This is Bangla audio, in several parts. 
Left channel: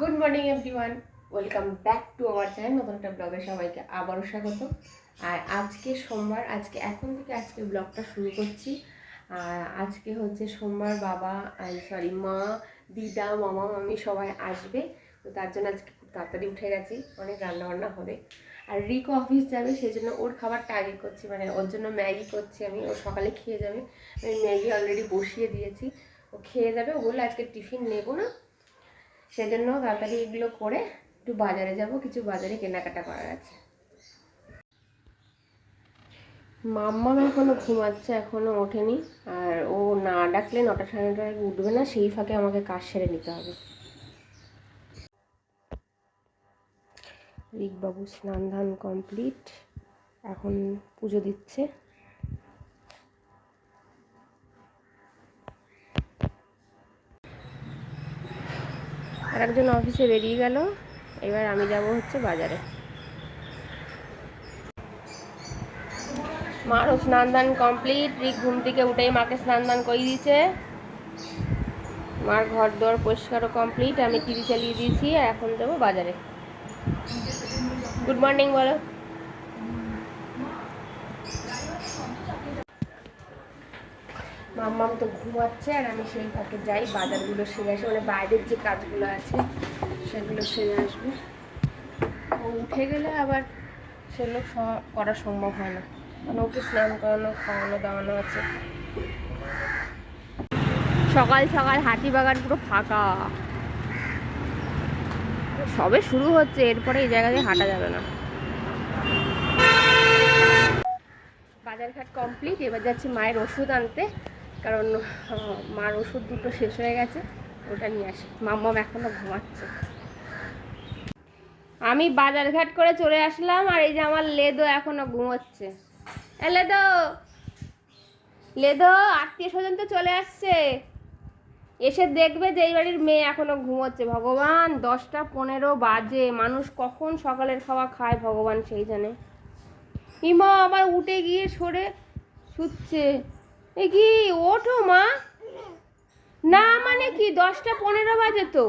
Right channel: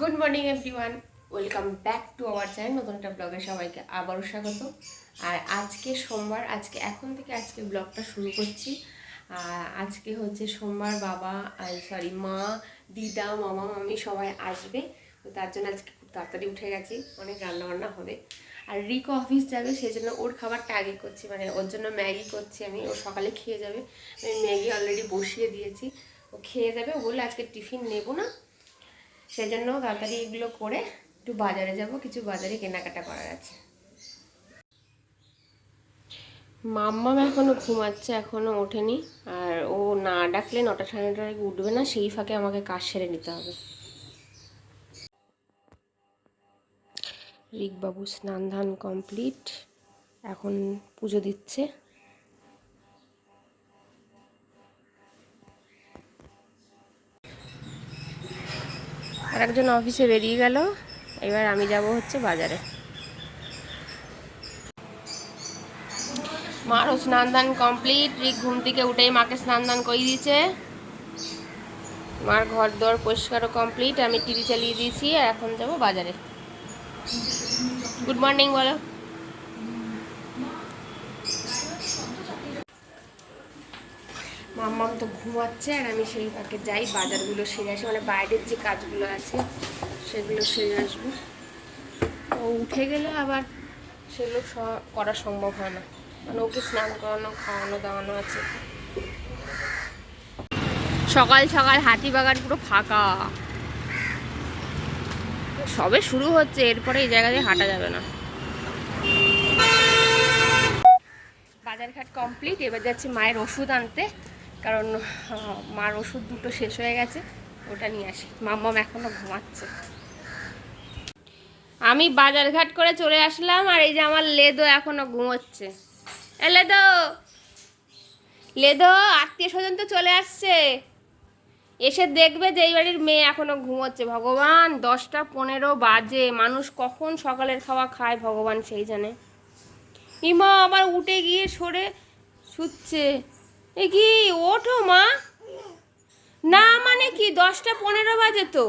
Good morning everyone welcome back to আমার চ্যানেল নতুন একটা ব্লগে সবাইকে আবারও স্বাগত। আর আজকে সোমবার, আজকে এখন থেকে আজকে ব্লগটা শুরু করছি। আর আজকে হচ্ছে সোমবার বাবা সরি মা, দিদা, মামা, মামি সবাই আসবে। তো তার জন্য আজকে খুব তাড়াতাড়ি উঠে গেছি। অনেক রান্নাবান্না হবে। আর রিকো অফিস যাবে সেই জন্য ওর খাবারটা আগে করছি। মানে ওর জন্য ম্যাগি করছি আমি। ও সকালে খেয়ে যাবে। আমি ম্যাগি অলরেডি বসিয়ে দিয়েছি। ও খেয়ে যাবে। ও বলল আজকে টিফিন নেব না। সেজন্য তাড়াতাড়ি এগুলো করে একটু বাজারে যাব, কিছু বাজারে কেনাকাটা করার আছে। মাম্মাম এখনও ঘুমাচ্ছে, এখনও ওঠেনি। আর ও না ডাকলে নটা সাড়ে নটার আগে উঠবে না, সেই ফাঁকে আমাকে কাজ সেরে নিতে হবে। রিকবাবু স্নান ধান কমপ্লিট এখন পুজো দিচ্ছে। আর একজন অফিসে বেরিয়ে গেল। এবার আমি যাব হচ্ছে বাজারে। মারও স্নান দান কমপ্লিট। রিক ঘুম থেকে উঠেই মাকে স্নান দান করিয়ে দিয়েছে। মার ঘর দর পরিষ্কারও কমপ্লিট। আমি টিভি চালিয়ে দিয়েছি আর এখন যাব বাজারে। গুড মর্নিং, বলো। মাম্মাম তো ঘুমাচ্ছে আর আমি সেই ফাঁকে যাই বাজারগুলো সেরে আসি। মানে বাইরের যে কাজগুলো আছে সেগুলো সেরে আসব। ও উঠে গেলে আবার সেগুলো করা সম্ভব হয় না। মানে ওকে স্নান করানো খাওয়ানো দাওয়ানো আছে। সকাল সকাল হাতিবাগান পুরো ফাঁকা। সবে শুরু হচ্ছে এরপরে এই জায়গা দিয়ে হাঁটা যাবে না। বাজারঘাট কমপ্লিট এবার যাচ্ছি মায়ের ওষুধ আনতে। কারণ মার ওষুধ দুটো শেষ হয়ে গেছে, ওটা নিয়ে আসি। মাম্মাম এখনও ঘুমাচ্ছে। আমি বাজারঘাট করে চলে আসলাম, আর এই যে আমার লেদো এখনও ঘুমোচ্ছে। এ লেদো! লেদো, আত্মীয় স্বজন তো চলে আসছে। এসে দেখবে যে এই বাড়ির মেয়ে এখনও ঘুমোচ্ছে। ভগবান, দশটা পনেরো বাজে। মানুষ কখন সকালের খাওয়া খায় ভগবান সেই জানে। ইমা আবার উঠে গিয়ে সরে শুচ্ছে। এ কি ওঠো মা। না মানে কি দশটা পনেরো বাজে তো।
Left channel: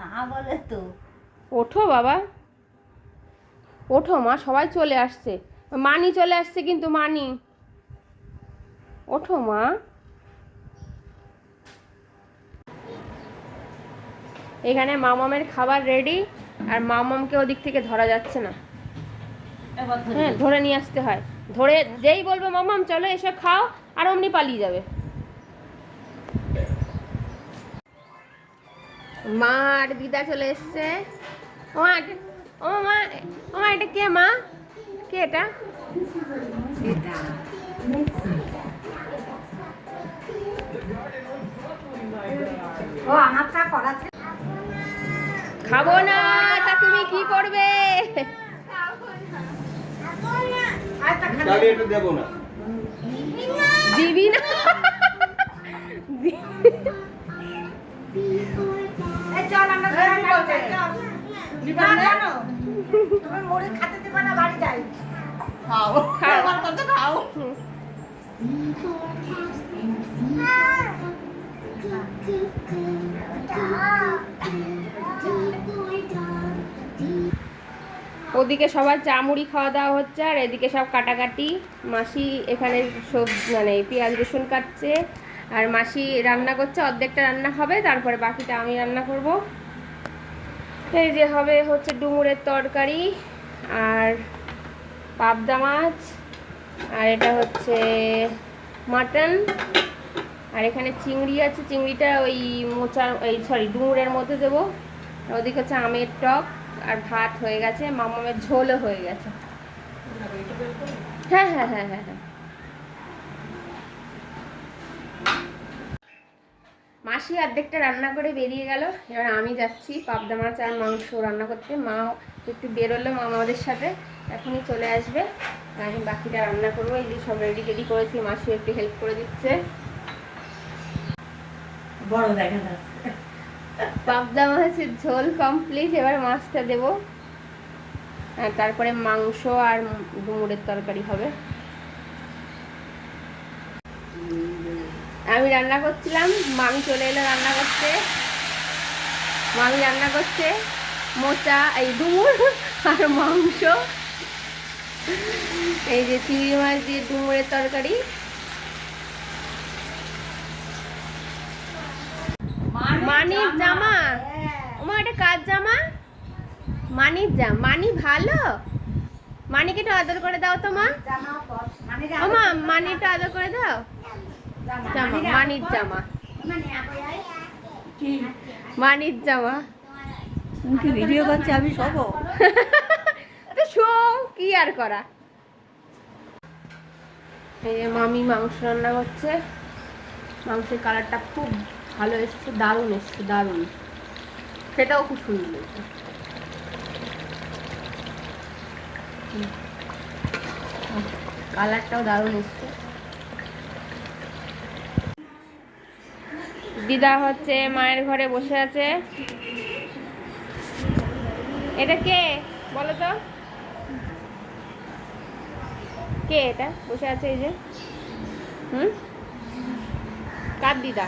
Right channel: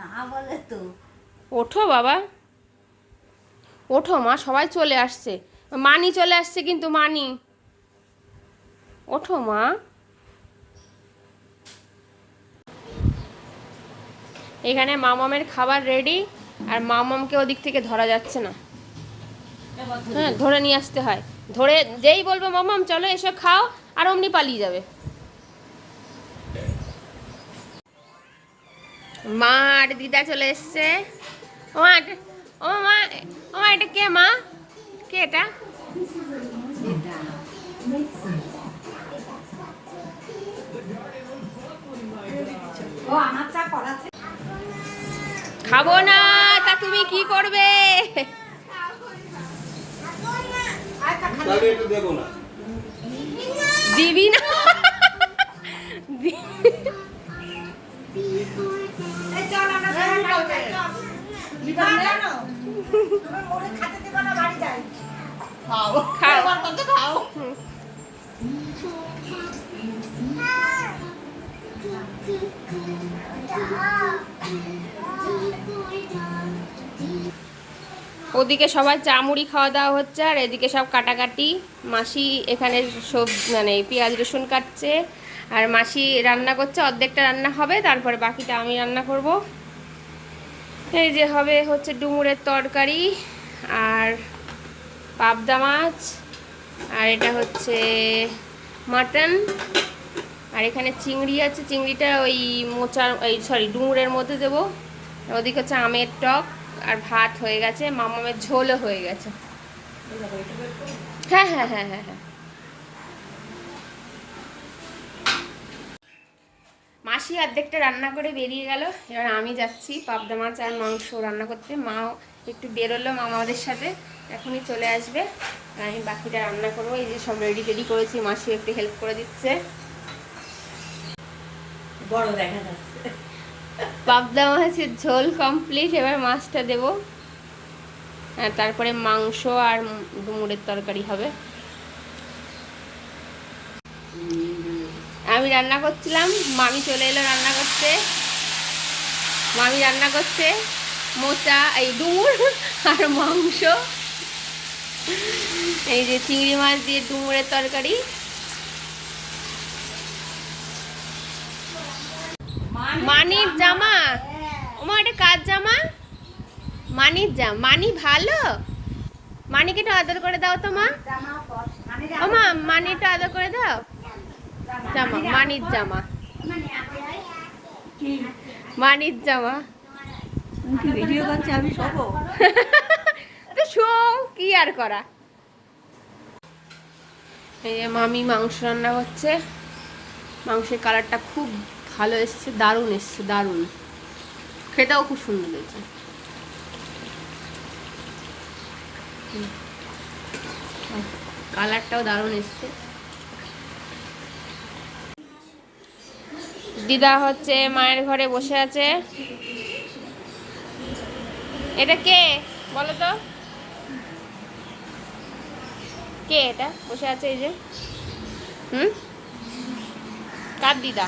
না বলে তো। ওঠো বাবা। ওঠো মা সবাই চলে আসছে। মানি চলে আসছে কিন্তু মানি। ওঠো মা। এখানে মামামের খাবার রেডি আর মামামকে ওদিক থেকে ধরা যাচ্ছে না। হ্যাঁ ধরে নিয়ে আসতে হয়। ধরে যেই বলবে মামাম চলো এসে খাও আর অমনি পালিয়ে যাবে। মা আর দিদা চলে এসছে। ও মা ও মা ও মা এটা কে মা? কে এটা? ও খাব না তা তুমি কি করবে? তাহলে একটু দেবো না দিবি না দি- চল আমরা জানো তুমি মুড়ি খাতে দিবা না বাড়ি যাই খাও হুম। ওদিকে সবার চা মুড়ি খাওয়া দাওয়া হচ্ছে, আর এদিকে সব কাটাকাটি। মাসি এখানে সব মানে পেঁয়াজ, রসুন কাটছে, আর মাসি রান্না করছে, অর্ধেকটা রান্না হবে, তারপরে বাকিটা আমি রান্না করব। এই যে হবে হচ্ছে ডুমুরের তরকারি, আর পাবদা মাছ, আর এটা হচ্ছে মাটন, আর এখানে চিংড়ি আছে, চিংড়িটা ওই মোচার ওই সরি, ডুমুরের মধ্যে দেবো ওদিকে হচ্ছে আমের টক। আর ভাত হয়ে গেছে, মামামের ঝোলও হয়ে গেছে। হ্যাঁ হ্যাঁ হ্যাঁ হ্যাঁ হ্যাঁ। মাসি অর্ধেকটা রান্না করে বেরিয়ে গেল, এবার আমি যাচ্ছি পাবদা মাছ আর মাংস রান্না করতে। মা একটু বেরোলো মা আমাদের সাথে, এখনই চলে আসবে। আমি বাকিটা রান্না করব, এই যে সব রেডি টেডি করেছি, মাসিও একটু হেল্প করে দিচ্ছে। বড় দেখা যাচ্ছে। পাবদা মাছের ঝোল কমপ্লিট এবার মাছটা দেব। আর তারপরে মাংস আর ডুমুরের তরকারি হবে। আমি রান্না করছিলাম, মামি চলে এলো রান্না করতে। মামি রান্না করছে, মোচা, এই ডুমুর আর মাংস। এই যে চিংড়ি মাছ দিয়ে ডুমুরের তরকারি। মানির জামা? ওমা এটা কার জামা? মানির জামা মানি ভালো? মানিকে একটু আদর করে দাও তো মা। ওমা মানি একটু আদর করে দাও। জামা মানির জামা। মানির জামা। ভিডিও করছে আমি সব? তো শো কি আর করা? এই যে মামি মাংস রান্না করছে। মাংসের কালারটা খুব ভালো এসছে, দারুণ এসছে, দারুণ। খেতেও খুব সুন্দর হয়েছে। কালারটাও দারুণ এসছে। দিদা হচ্ছে মায়ের ঘরে বসে আছে। এটা কে? বলো তো। কে এটা? বসে আছে এই যে। হুম? কার দিদা?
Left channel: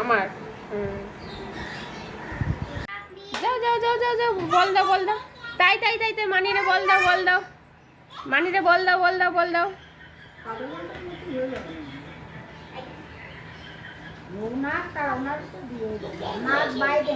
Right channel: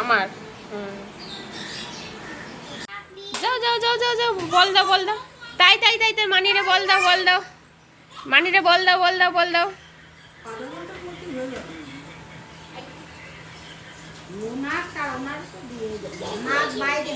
আমার। হুম। যাও যাও যাও যাও যাও বল দাও বল দাও। তাই তাই তাই তাই মানিরে বল দাও বল দাও। মানিরে বল দাও বল দাও বল দাও। বাইরে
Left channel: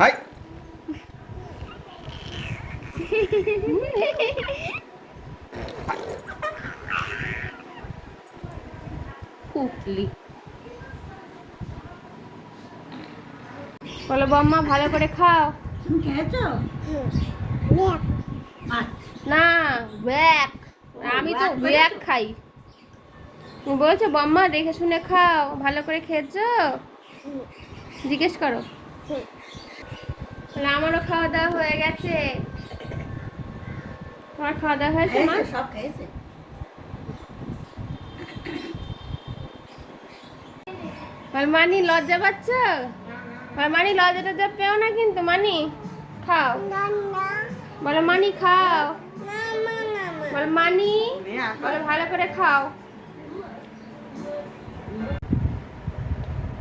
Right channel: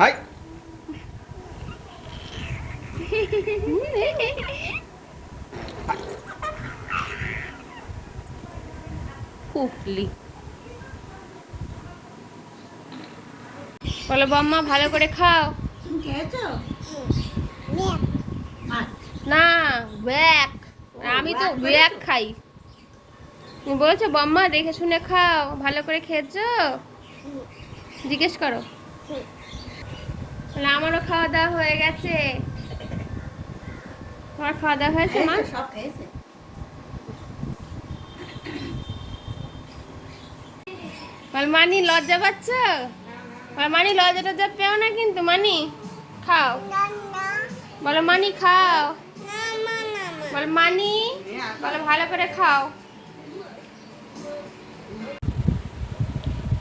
হাই কুকলি বলো বম্মা ভালো করে খাও। খেয়েছো? না ব্যাক। আমি তো ব্যাক খাই। বলছো বম্মা দেখে শুনে খাও। ভালো করে খেয়েছো? জিজ্ঞেস করো। তাহলে আমারও খাওয়া দাওয়া হয়ে গেছে। তোমার খাওয়া দাওয়া হয়েছে না সব খেয়েছে। মানি লজ্জা পাচ্ছ? মানি লজ্জা টজ্জা পেও না কিন্তু মানি। খাও। বলো মানি খাও। বল মানি। বলো ভালো করে খাও।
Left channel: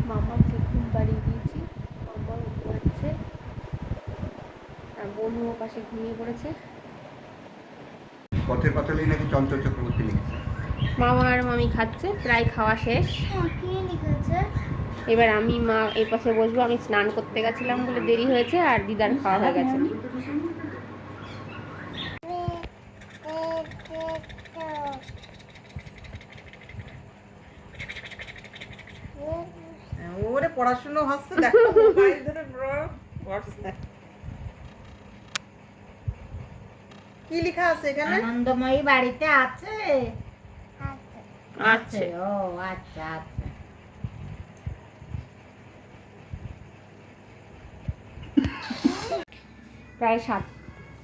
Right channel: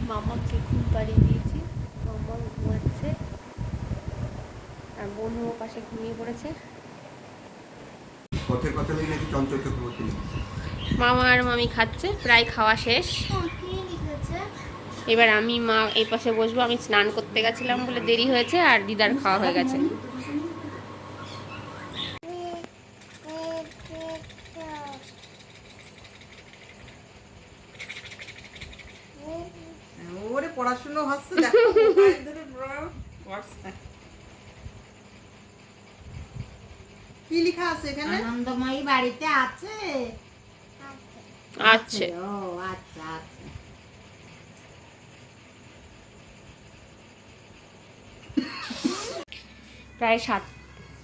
মামাকে ঘুম পাড়িয়ে দিয়েছি মামা ঘুমাচ্ছে আর ও পাশে ঘুমিয়ে পড়েছে। পথের পাঁচালি নাকি চঞ্চল চক্রবর্তী লিখেছে। মামা আর মামি খাচ্ছে প্রায় খাওয়া শেষ। এবার আমি মা এই পাশে বসবো আমি স্নান করতে গেছিলাম বলে দেরি হয়েছে আর দিদার খাওয়া হয়ে গেছে ওরে পড়াশুনো হচ্ছে দেখো মোবাইল ধরে বড় পড়ছে। কি লেখা আছে এখানে? আনন্দময়ী বাড়িতে আছে। আচ্ছা ও আচ্ছা আচ্ছা। প্রায় সাত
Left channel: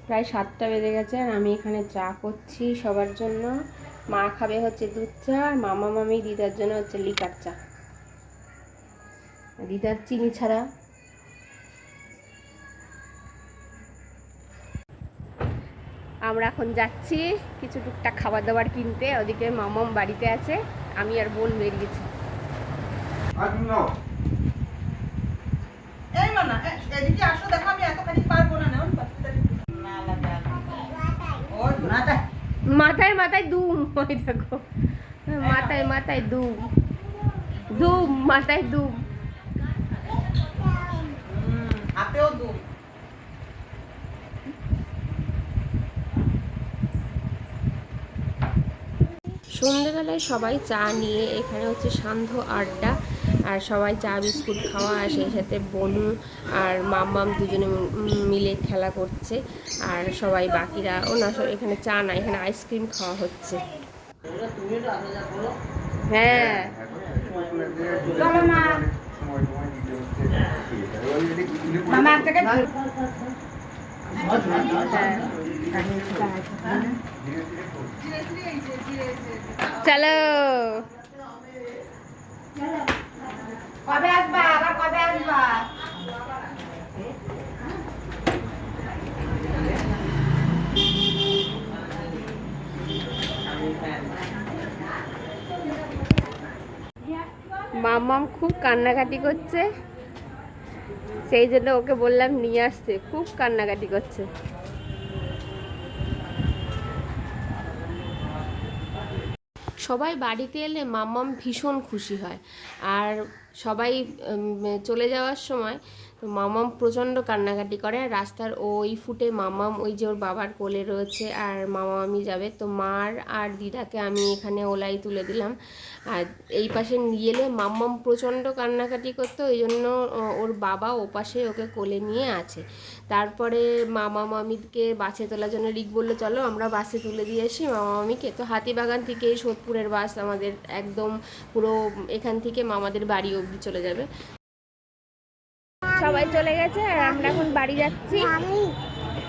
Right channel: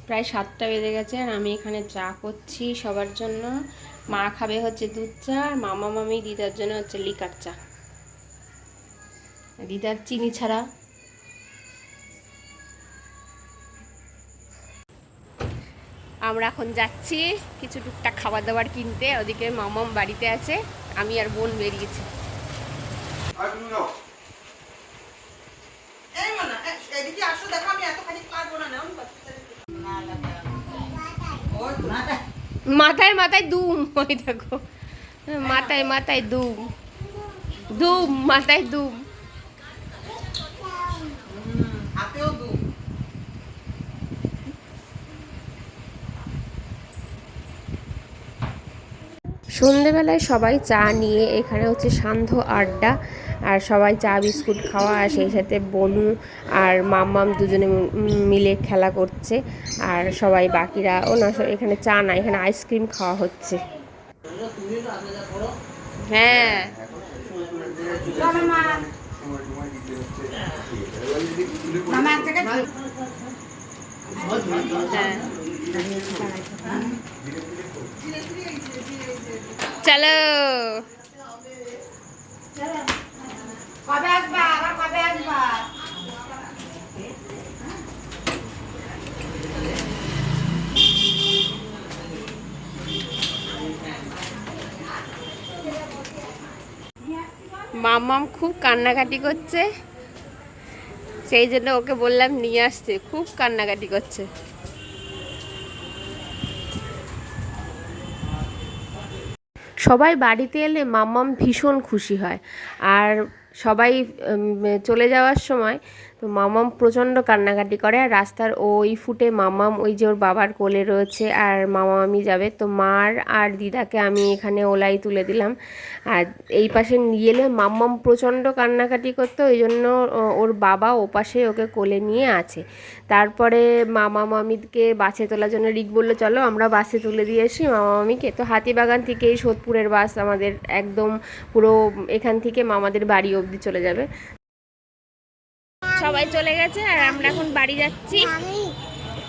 প্রায় সাতটা বেজে গেছে আর আমি এখানে চা করছি সবার জন্য। মা খাবে হচ্ছে দুধ চা আর মামা মামি দিদার জন্য হচ্ছে লিকার চা। দিদার চিনি ছাড়া আমরা এখন যাচ্ছি কিছু টুকটাক খাবার দাবার কিনতে ওদিকে মামাম বাড়িতে আছে আমি আর বোন বেরিয়েছি। মানা মাথায় মাথায় দুম ওই দেখো। মাথায় মাথায় দুম। দুম মাথায় দুম। সন্ধেবেলায় সবাই চা নিয়ে এখানে হচ্ছে সান্ধ্য আড্ডা আর সবাই চা, বিস্কুট খাওয়া আর সেই সাথে বনু আর মাম্মাম দুজনে মিলে খেলা করছে আর সবাই বাকিরা, ও না এখানে চা না, এখানে আইসক্রিম খাওয়া হচ্ছে। হ্যাঁ। হ্যাঁ চলো। মামাম খুব কান্নাকাটি করছে। সেই জন্য ওকে বললাম নিয়ে আসতে। খুব কান্নাকাটি করছে। সবাই বাড়িতে এলে মাম্মাম ভীষণ খুশি হয়। আর সবাই চলে যাওয়ার সময় তো মামাম প্রচণ্ড কান্নাকাটি করে আর রাস্তার ওই ফুটে মামাম ওই যে ওর বাবার কোলে রয়েছে আর মামা মামি যাবে। তো মার আর দিদাকে আমি এখানে ওলাই তুলে দিলাম। আর এই পাশে নিয়ে এলে মাম্মাম প্রচণ্ড কান্নাকাটি করতো ওই জন্য ওর বাবা ও পাশে ওকে কোলে নিয়ে আছে। তারপরে মামা মামিকে বাসে তোলার জন্য রিক বলল, চলো আমরা বাসে তুলে দিয়ে আসি মামা মামিকে তো হাতিবাগান থেকে এই সোদপুরের বাস আমাদের একদম পুরো এখান থেকে মামাদের বাড়ি অবধি চলে যাবে। সবাই চলে গেছে আর আমরা এখন বাড়ি যাচ্ছি।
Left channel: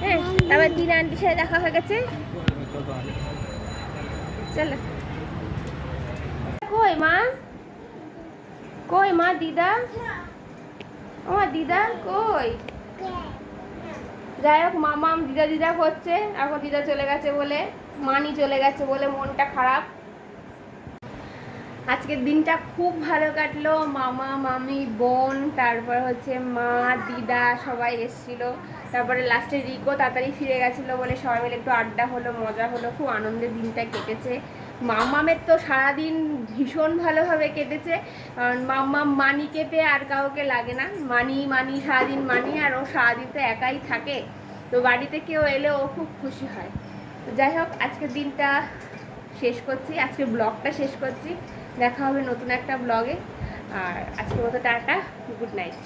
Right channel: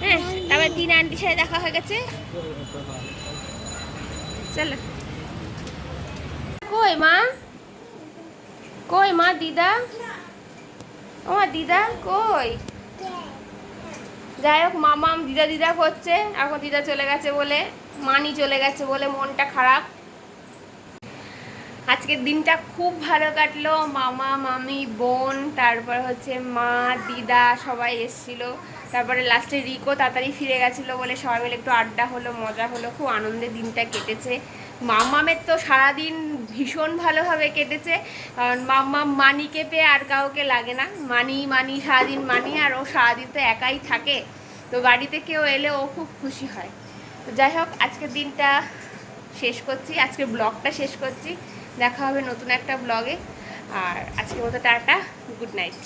হ্যাঁ তারপর দিন আন্টির সাথে দেখা হয়ে গেছে। চলো। কই মা? কই মা দিদা? ও দিদা কই? যাই হোক, মামাম, দিদা দিদা করছে এখন দিদা চলে গেছে বলে, মানি চলে গেছে বলে মনটা খারাপ। আজকের দিনটা খুব ভালো কাটলো। মামা, মামি, বোন, তারপর হচ্ছে মা, দিদা সবাই এসেছিল। তারপরে লাস্টে রিকো তাড়াতাড়ি ফিরে গেছিল বলে সবাই মিলে একটু আড্ডা হলো, মজা হলো। খুব আনন্দের দিনটা কেটেছে। মামামের তো সারাদিন ভীষণ ভালোভাবে কেটেছে। কারণ মাম্মা মানি পেয়ে আর কাউকে লাগে না। মানি মানি, সারাদিন মানি আর ও সারাদিন তো একাই থাকে। তো বাড়িতে কেউ এলে ও খুব খুশি হয়। তো যাই হোক, আজকের দিনটা শেষ করছি। আজকের ব্লগটা শেষ করছি। দেখা হবে নতুন একটা ব্লগে আর আজকের মতো টাটা গুড নাইট